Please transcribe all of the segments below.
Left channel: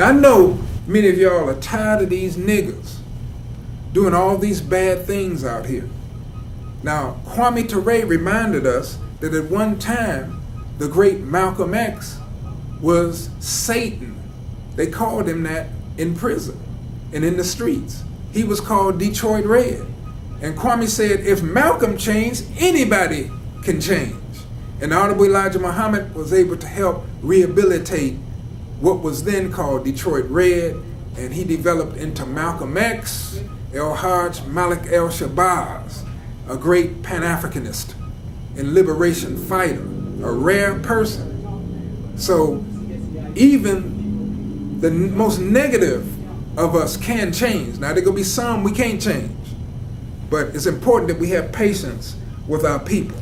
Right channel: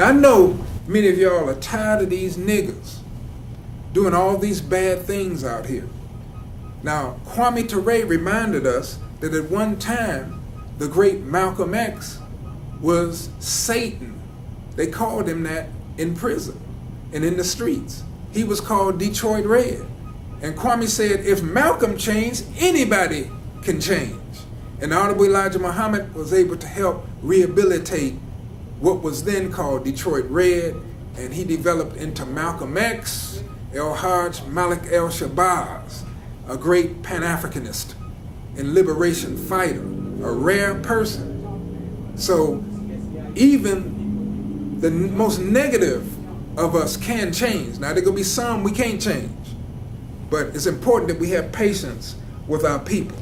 Now I know many of y'all are tired of these niggers doing all these bad things out here. Now, Kwame Ture reminded us that at one time, the great Malcolm X was Satan. They called him that in prison and in the streets. He was called Detroit Red. And Kwame said, if Malcolm changed, anybody can change. And the Honorable Elijah Muhammad was able to help rehabilitate what was then called Detroit Red, and he developed into Malcolm X, El-Hajj Malik El-Shabazz, a great Pan-Africanist and liberation fighter, a rare person. So even the most negative of us can change. Now there gonna be some we can't change, but it's important that we have patience with our people.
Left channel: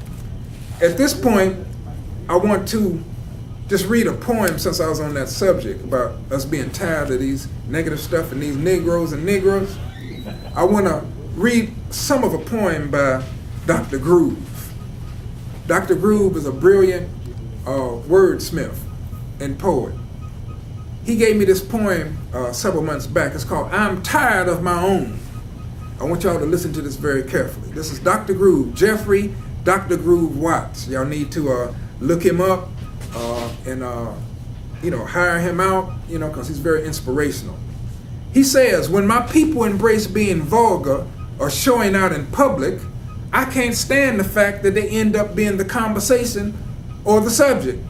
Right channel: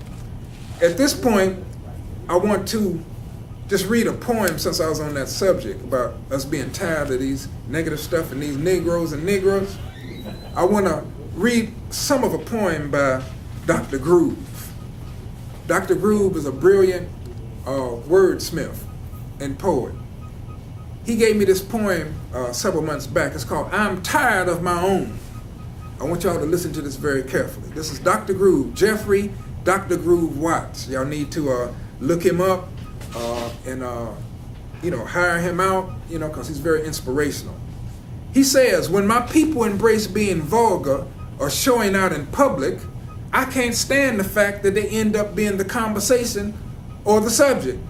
At this point, I want to just read a poem, since I was on that subject about us being tired of these negative stuff and these Negroes and Negroes. I want to read some of a poem by Dr. Groove. Dr. Groove is a brilliant wordsmith and poet. He gave me this poem several months back. It's called I'm Tired of My Own. I want y'all to listen to this very carefully. This is Dr. Groove, Jeffrey Dr. Groove Watts. Y'all need to look him up and hire him out, because he's very inspirational. He says, when my people embrace being vulgar or showing out in public, I can't stand the fact that they end up being the conversation or the subject.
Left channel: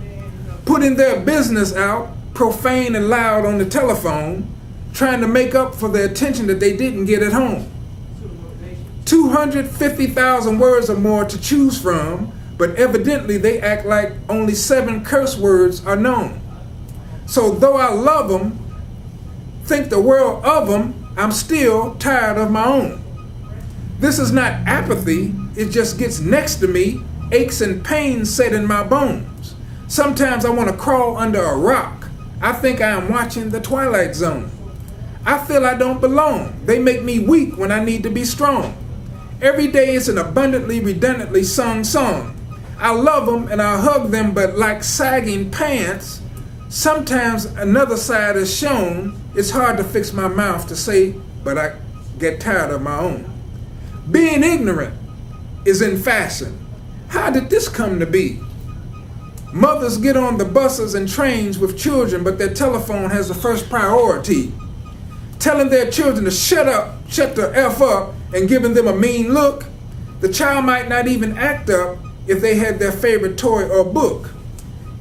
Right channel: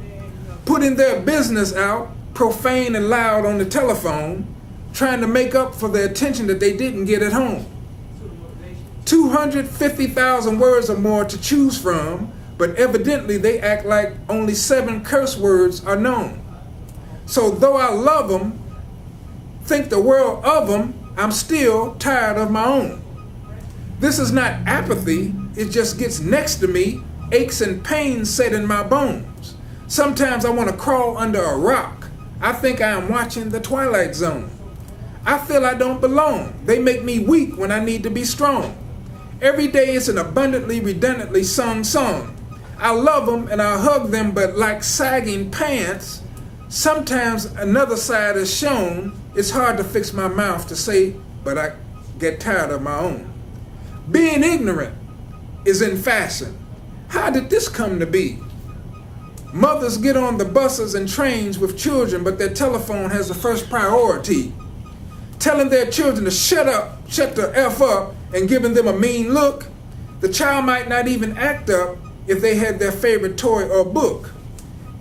Putting their business out, profane and loud on the telephone, trying to make up for the attention that they didn't get at home. 250,000 words or more to choose from, but evidently they act like only 7 curse words are known. So though I love them, think the world of them, I'm still tired of my own. This is not apathy, it just gets next to me, aches and pains set in my bones. Sometimes I want to crawl under a rock. I think I am watching the Twilight Zone. I feel I don't belong. They make me weak when I need to be strong. Every day it's an abundantly, redundantly sung song. I love them and I hug them, but like sagging pants, sometimes another side is shown. It's hard to fix my mouth to say, but I get tired of my own. Being ignorant is in fashion. How did this come to be? Mothers get on the buses and trains with children, but their telephone has the first priority. Telling their children to shut the F up, and giving them a mean look. The child might not even act up if they had their favorite toy or book.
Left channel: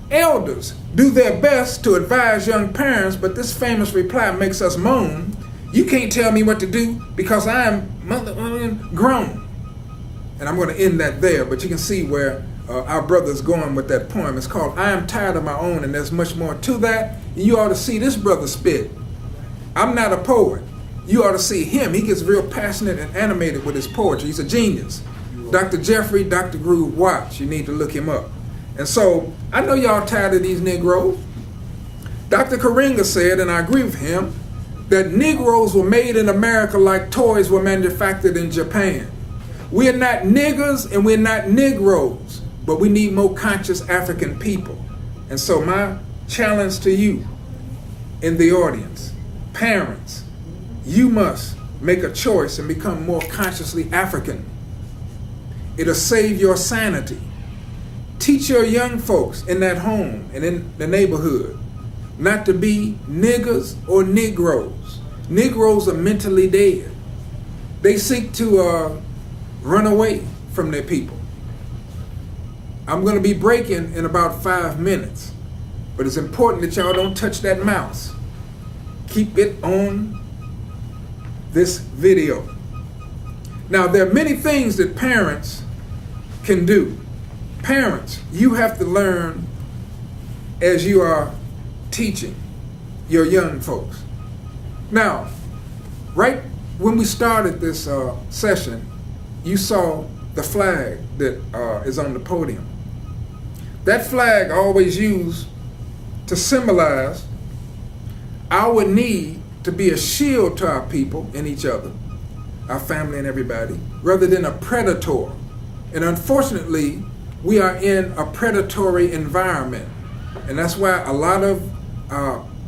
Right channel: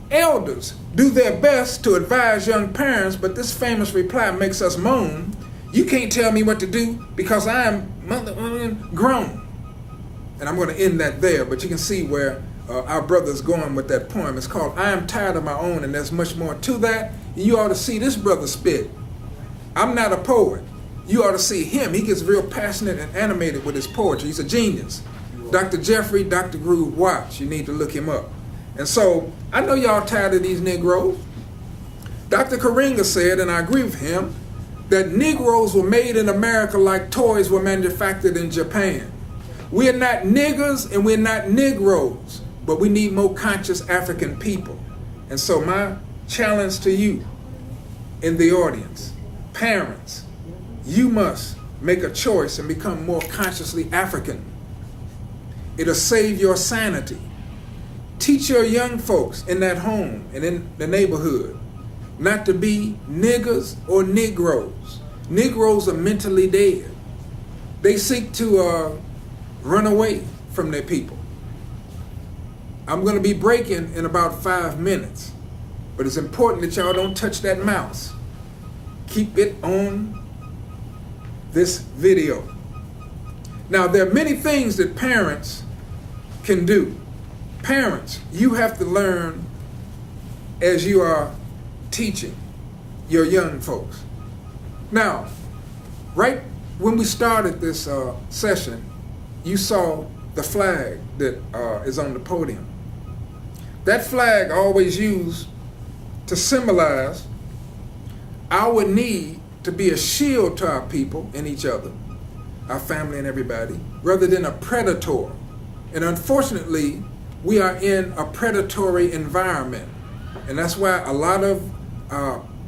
Elders do their best to advise young parents, but this famous reply makes us moan. You can't tell me what to do because I am grown. And I'm going to end that there, but you can see where our brother's going with that poem. It's called I Am Tired of My Own, and there's much more to that. You ought to see this brother spit. I'm not a poet. You ought to see him. He gets real passionate and animated with his poetry. He's a genius. Dr. Jeffrey, Dr. Groove Watts. You need to look him up. And so, I know y'all tired of these Negroes. Dr. Karinga said, and I agree with him, that Negroes were made in America like toys were manufactured in Japan. We are not niggers and we're not Negroes, but we need more conscious African people. And so my challenge to you in the audience, parents, you must make a choice and become more consciously African. It'll save your sanity. Teach your young folks in that home and in the neighborhood not to be niggers or Negroes. Negroes are mentally dead. They seek to run away from their people. I'm going to be breaking in about 5 minutes, but it's important that y'all don't touch that mouse. Keep it on this video. Now, there are many things that parents can do. Parents, you have to learn as you are teaching your young folks. Now, right when we started this session, you saw the flag that is on the podium. That flag always used to symbolize our need to be a shield to our people and each other, our family and everybody, rather than a predator. And unfortunately, we are in a predatory environment. And that's why a lot of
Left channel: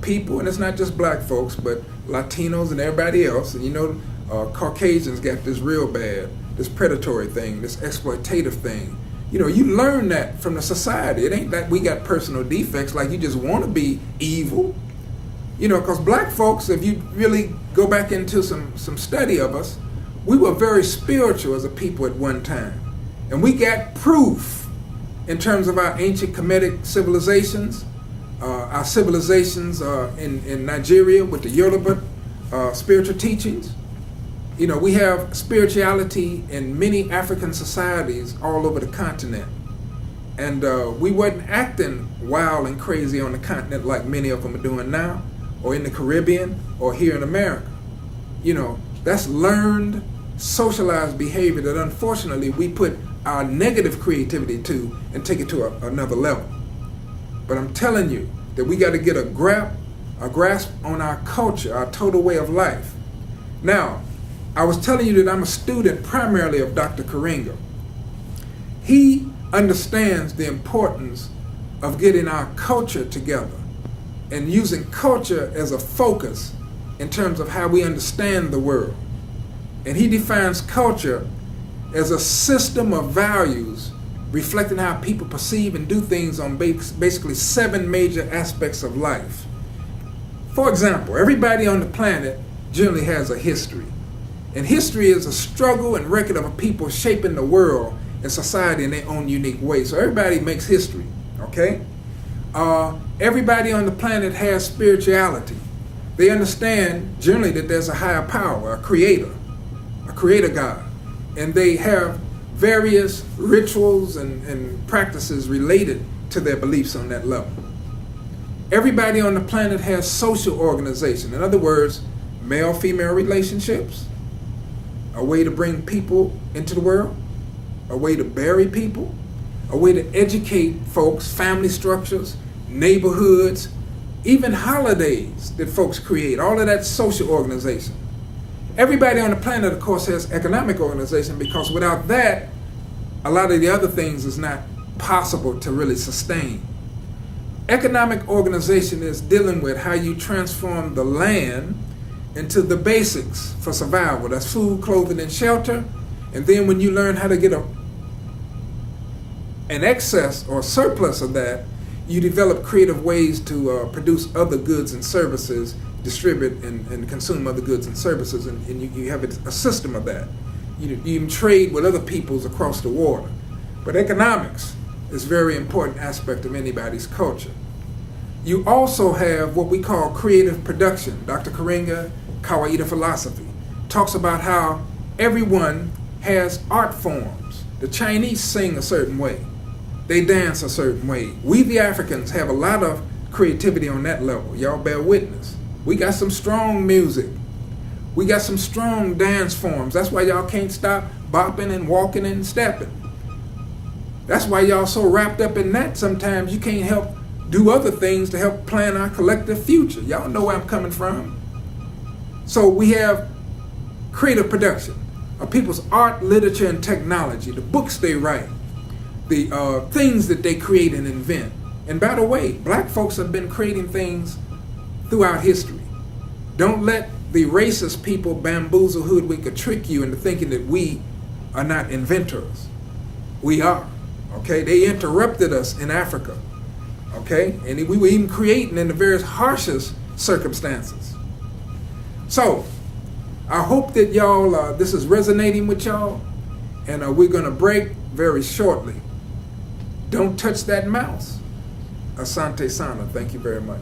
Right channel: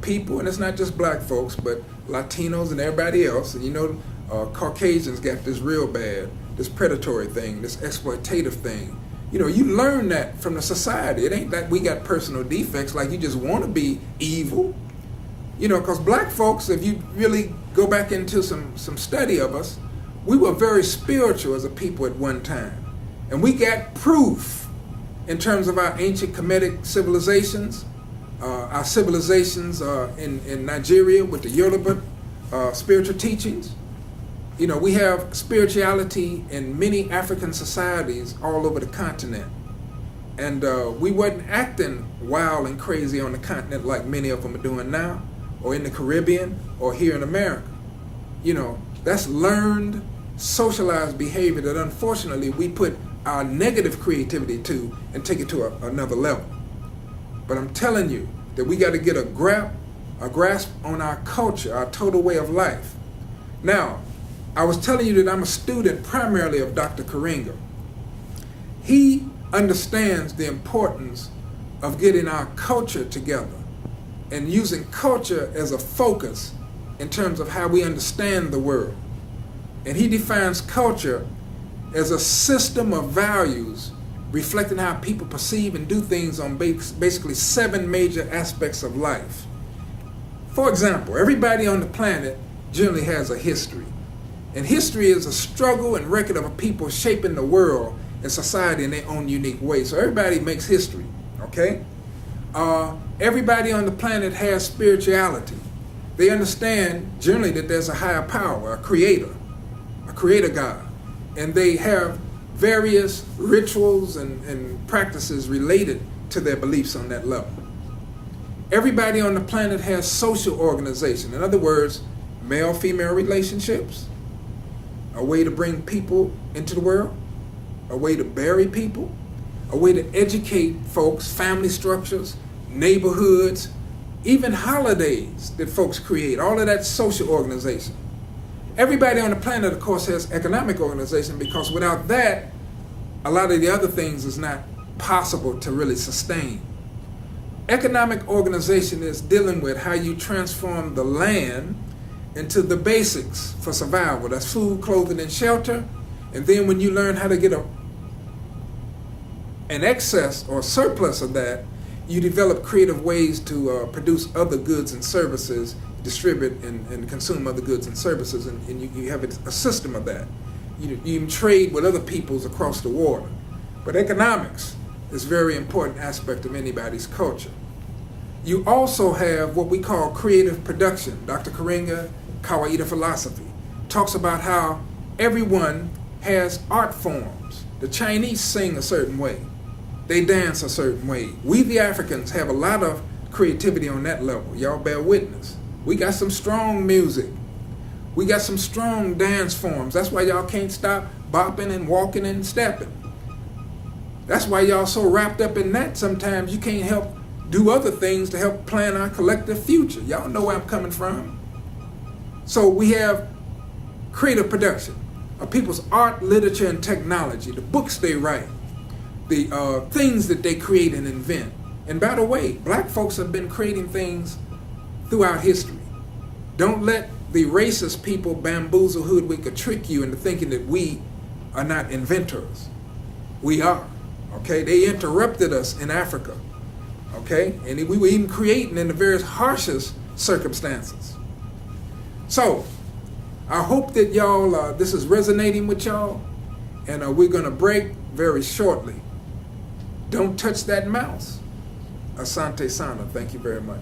people, and it's not just black folks, but Latinos and everybody else. And Caucasians got this real bad, this predatory thing, this exploitative thing. You learn that from the society. It ain't that we got personal defects, like you just want to be evil. Because black folks, if you really go back into some study of us, we were very spiritual as a people at one time. And we got proof in terms of our ancient Kemetic civilizations, our civilizations in Nigeria with the Yoruba spiritual teachings. We have spirituality in many African societies all over the continent. And we wasn't acting wild and crazy on the continent like many of them are doing now, or in the Caribbean, or here in America. That's learned, socialized behavior that unfortunately we put our negative creativity to and take it to another level. But I'm telling you that we got to get a grasp on our culture, our total way of life. Now, I was telling you that I'm a student primarily of Dr. Karenga. He understands the importance of getting our culture together and using culture as a focus in terms of how we understand the world. And he defines culture as a system of values reflecting how people perceive and do things on basically 7 major aspects of life. For example, everybody on the planet generally has a history. And history is a struggle and record of a people shaping the world and society in their own unique way. So everybody makes history, okay? Everybody on the planet has spirituality. They understand generally that there's a higher power, a creator God. And they have various rituals and practices related to their beliefs on that level. Everybody on the planet has social organization. In other words, male-female relationships, a way to bring people into the world, a way to bury people, a way to educate folks, family structures, neighborhoods, even holidays that folks create, all of that social organization. Everybody on the planet, of course, has economic organization, because without that, a lot of the other things is not possible to really sustain. Economic organization is dealing with how you transform the land into the basics for survival. That's food, clothing, and shelter. And then when you learn how to get an excess or surplus of that, you develop creative ways to produce other goods and services, distribute and consume other goods and services, and you have a system of that. You even trade with other peoples across the water. But economics is a very important aspect of anybody's culture. You also have what we call creative production. Dr. Karenga, Kawaida philosophy, talks about how everyone has art forms. The Chinese sing a certain way. They dance a certain way. We, the Africans, have a lot of creativity on that level. Y'all bear witness. We got some strong music. We got some strong dance forms. That's why y'all can't stop bopping and walking and stepping. That's why y'all so wrapped up in that sometimes you can't help do other things to help plan our collective future. Y'all know where I'm coming from. So we have creative production of people's art, literature, and technology, the books they write, the things that they create and invent. And by the way, black folks have been creating things throughout history. Don't let the racist people bamboozle, hoodwink, or trick you into thinking that we are not inventors. We are, okay? They interrupted us in Africa, okay? And we were even creating in the various harshest circumstances. So, I hope that y'all, this is resonating with y'all, and we're gonna break very shortly. Don't touch that mouse. Asante Sana, thank you very much.